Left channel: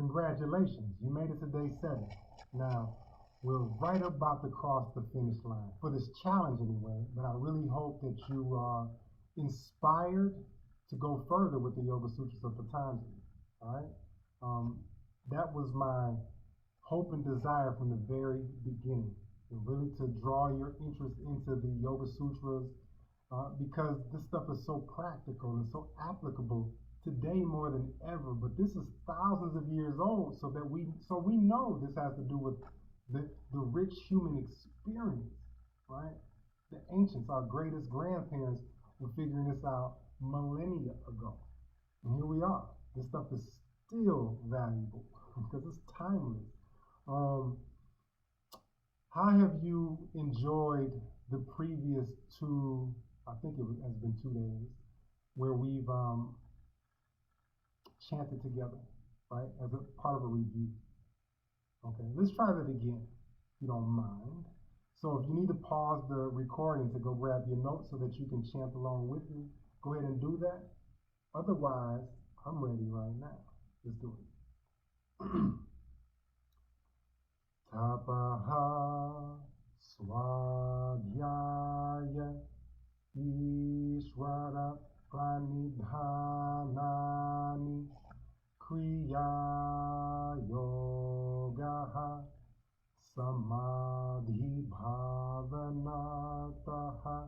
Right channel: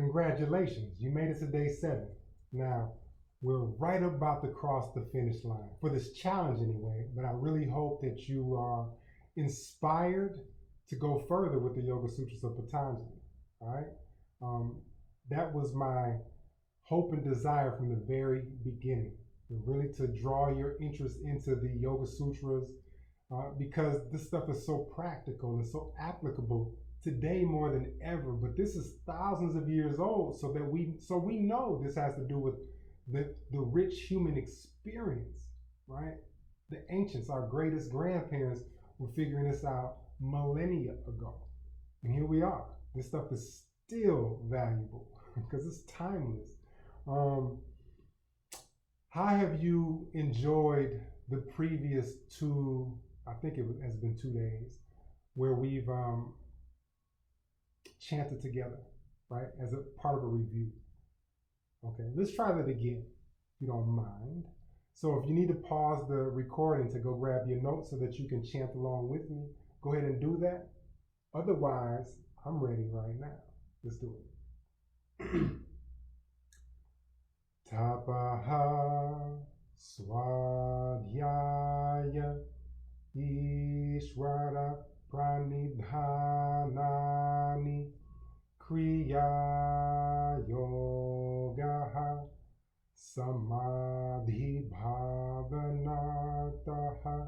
Congratulations, you made it to day 7. Now, we're right about to cross the finish line, for this challenge anyway, but I really hope that you are inspired to go further with the Yoga Sutras of Patañjali, all right? That was my hope and desire from the very beginning, really to draw your interest into the Yoga Sutras, because this stuff is so practical and so applicable today more than ever. But this is thousands of years old, so we know this has to do with the rich human experience, right? The ancients, our greatest grandparents, were figuring this out millennia ago, and here we are. This stuff is still valuable because it's timeless. How have you enjoyed the previous 2, I think has been 2 days, where we've chanted together, right, as a part of a review? Okay, let's try that again, if you don't mind. So if you need to pause the recording to go grab your notes so that you can chant along with me, go ahead and do that. Otherwise, I'm ready right now. Let's do it. Tapaha swadhyaya ishvara pranidhanani kriya yogaha samadhi bhavanataha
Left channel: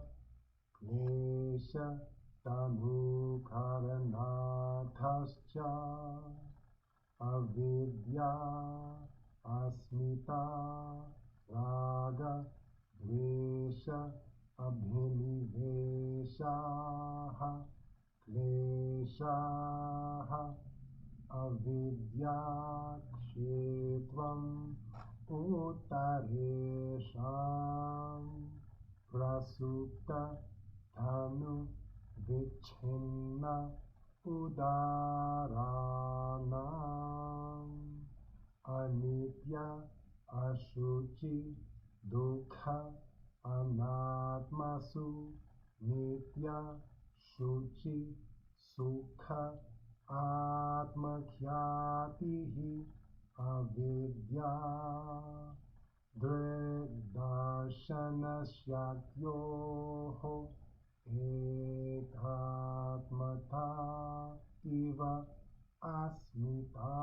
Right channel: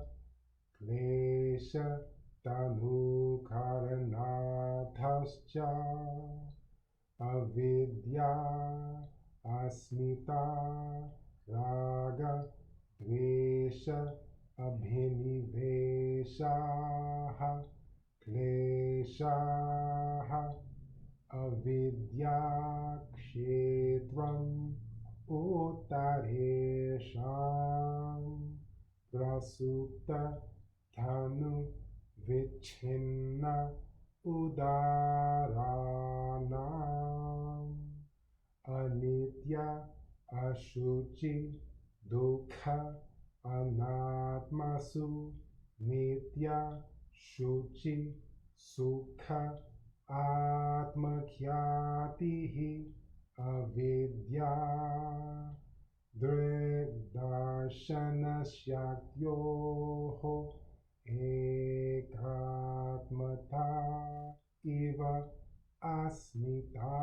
klesha tanukaranathascha avidya asmita raga dvesha abhiniveshaha kleshaha avidya kshetram uttaresham prasupta thanu vichinna udaranam anitya ashuchi dukkha anatmasu nitya shuchi sukha atmakhyatihi avidya drigdarshana shaktyoho ekatmata iva asmita.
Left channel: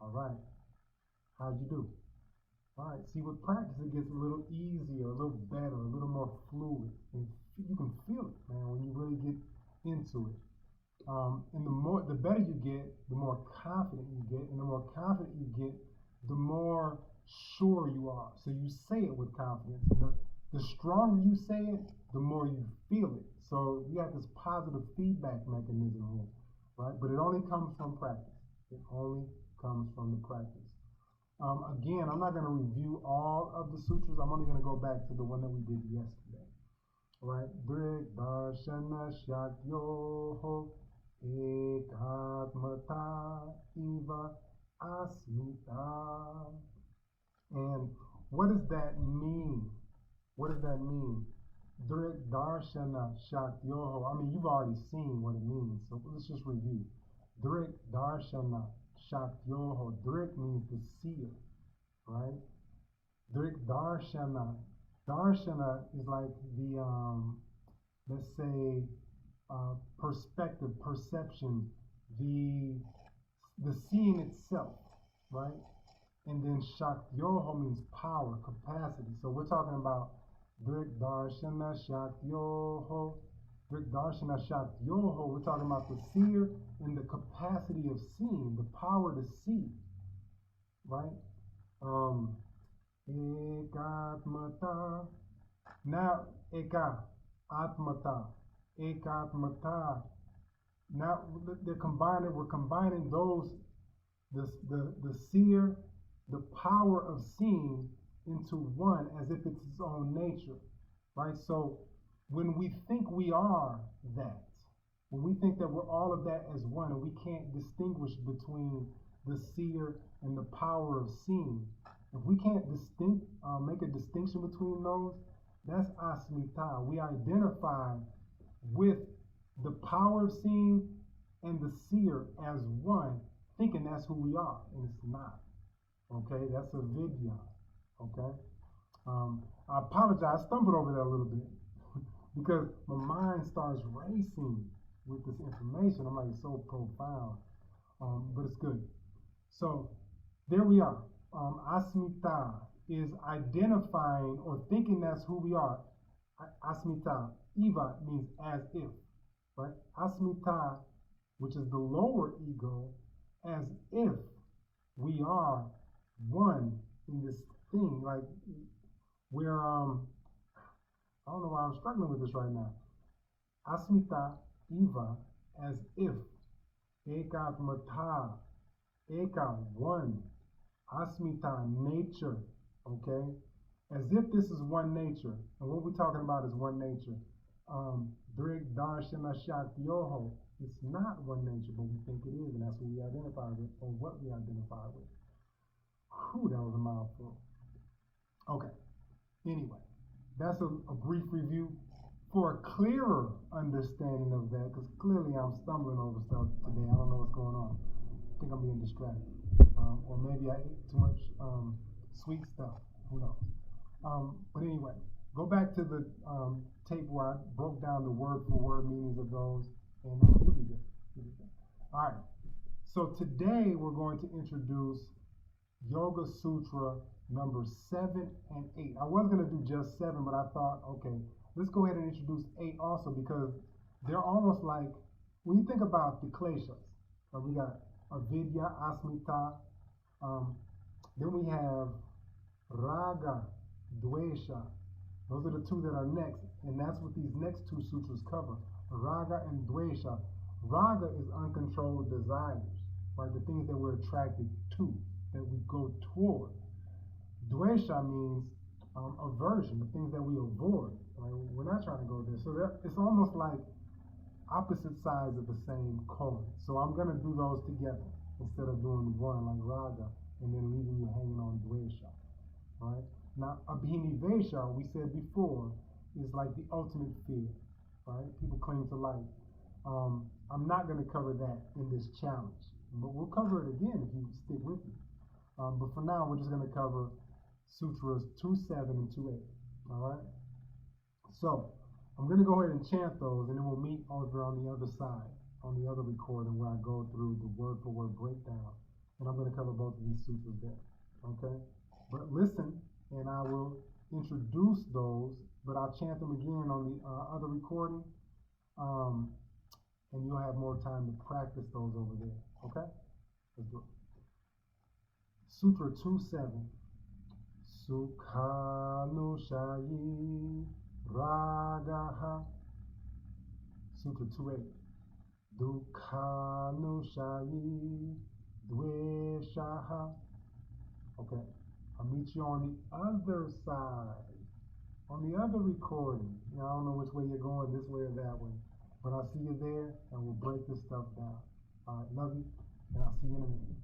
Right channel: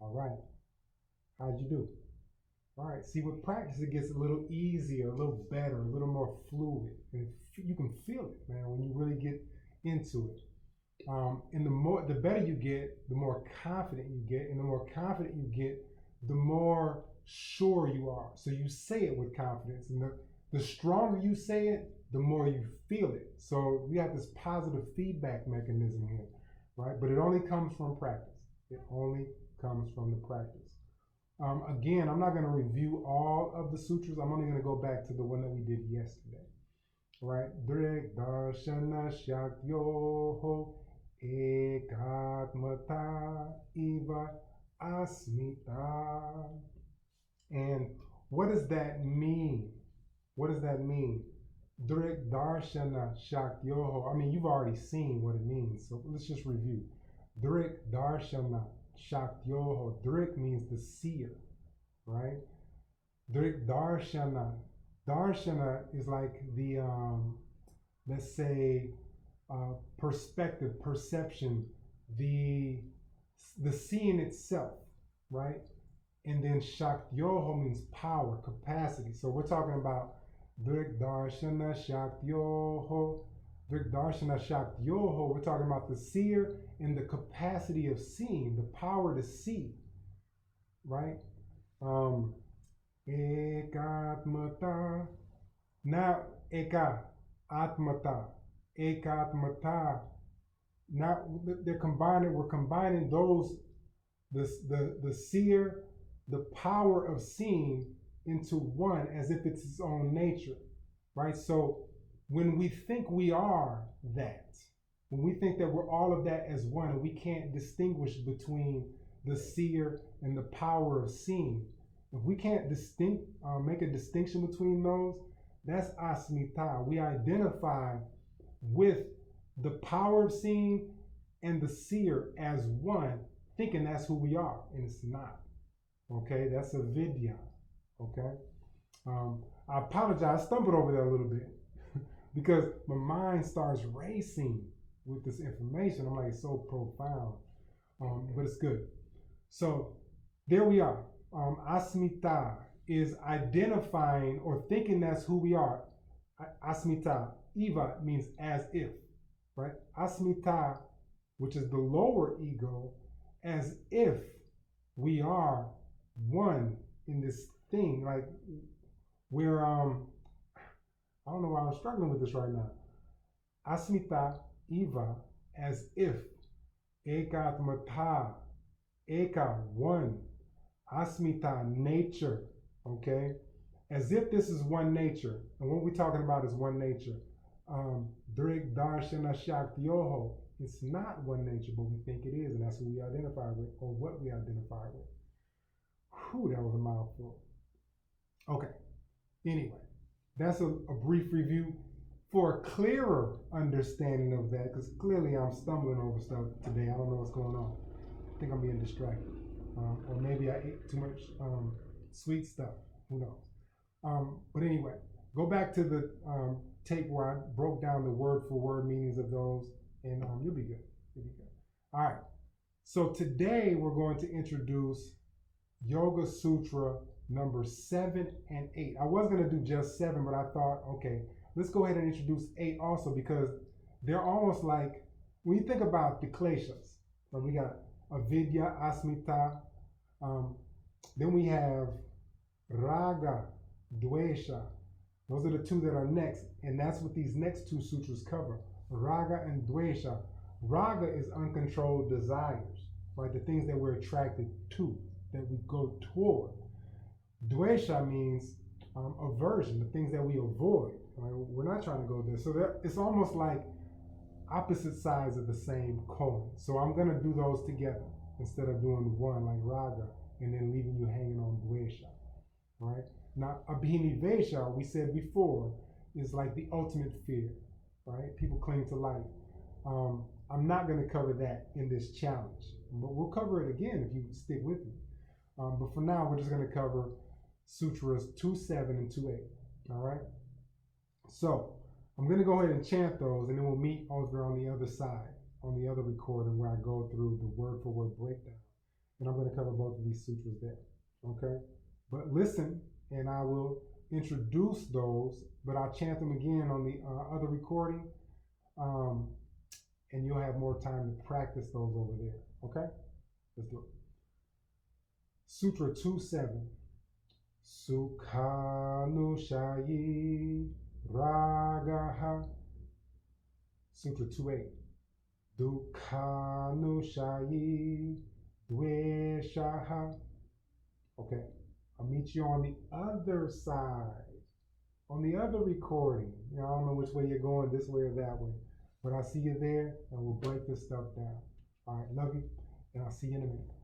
All right, how'd you do? All right, see, with practice it gets a little easier, a little better, a little more fluid, and you can feel it, man, when you really get into it. And the better you get, the more confident you get, and the more confident you get, the more sure you are. So you say it with confidence, and the stronger you say it, the more you feel it. So we have this positive feedback mechanism here, right? But it only comes from practice. It only comes from the practice. Again, I'm not going to review all of the sutras. I'm only going to go back to the one that we did yesterday, right? Drik darshana shaktyoho ekatmata iva asmita. And what does that mean? What does that mean? Drik darshana shaktyoho. I mean, you've already seen what it means, so let's just review. Drik darshana shaktyoho. Drik means the seer, right? Drik darshana. Darshana is like the, let's say, perspective, perception, the seeing itself, right? And then shaktyoho means power, capacity. So we're talking about Drik darshana shaktyoho. Drik darshana shaktyoho. We're talking about the seer and the capacity of seeing, the power to see, right? Ekatmata. Now, atmata. Ekatmata. Now they're combining. We're combining those, the seer, the power of seeing, into one, as if it's its own nature, right? So when we think we are that, when we think that we're all of that as one, and we can't distinguish between the seer and the power of seeing, if we can't make a distinction between those, that's asmita. We identify with the power of seeing and the seer as one, thinking that's who we are, and it's not. Okay, that's a vidya. Okay, I apologize. I stumbled over that a little bit because my mind starts racing with this information. I'm like, it's so profound, but it's good. So there we are. Asmita is identifying or thinking that's who we are. Asmita, Eva means as if, right? Asmita, which is the lower ego, as if we are one in this thing. Like we're, I don't know why I'm struggling with this right now. Asmita, Eva, as if. Ekatmata, Eka, one. Asmita, nature, okay? As if this is one nature. And what we're talking about is one nature. Drig Darshana Shaktyoho. It's not one nature, but we think it is, and that's what we identify with, or what we identify with. Whew, that was a mouthful. Okay, anyway, that's a brief review for a clearer understanding of that, because clearly I'm stumbling over stuff today. I don't know what's going on. I think I'm being distracted. Or maybe I ate too much sweet stuff. Who knows? But anyway, go back to the tape where I broke down the word for word meanings of those, and you'll be good. You'll be good. All right. So today we're going to introduce Yoga Sutra number 7 and 8. I was going to do just 7, but I thought, okay, let's go ahead and introduce 8 also, because they're almost like, when you think about the kleshas, so we got avidya, asmita, then we have raga, dvesha. Those are the 2 that are next, and that's what these next 2 sutras cover. Raga and dvesha. Raga is uncontrolled desires, right? The things that we're attracted to, that we go toward. Dvesha means aversion, the things that we avoid. Right? We're not trying to go there. So it's almost like opposite sides of the same coin. So I'm going to do those together instead of doing one like raga and then leaving you hanging on dvesha. Right? Now, abhinivesha, we said before, is like the ultimate fear. Right? People cling to life. I'm not going to cover that in this challenge, but we'll cover it again if you stick with me. But for now, we're just going to cover Sutras 2.7 and 2.8. All right? So I'm going to go ahead and chant those, and then we'll meet over on the other side, on the other recording where I go through the word for word breakdown. And I'm going to cover both of these sutras there. Okay? But listen, and I will introduce those, but I'll chant them again on the other recording. And you'll have more time to practice those over there. Okay? Let's do it. Sutra 2.7. Sukhanushayi ragaha. Sutra 2.8. Dukhanushayi dveshaha. Okay. I'll meet you on the other side, on the other recording. I don't know which way you're going, this way or that way. But I'll see you there, and we'll break this stuff down. All right, love you, and I'll see you in a minute.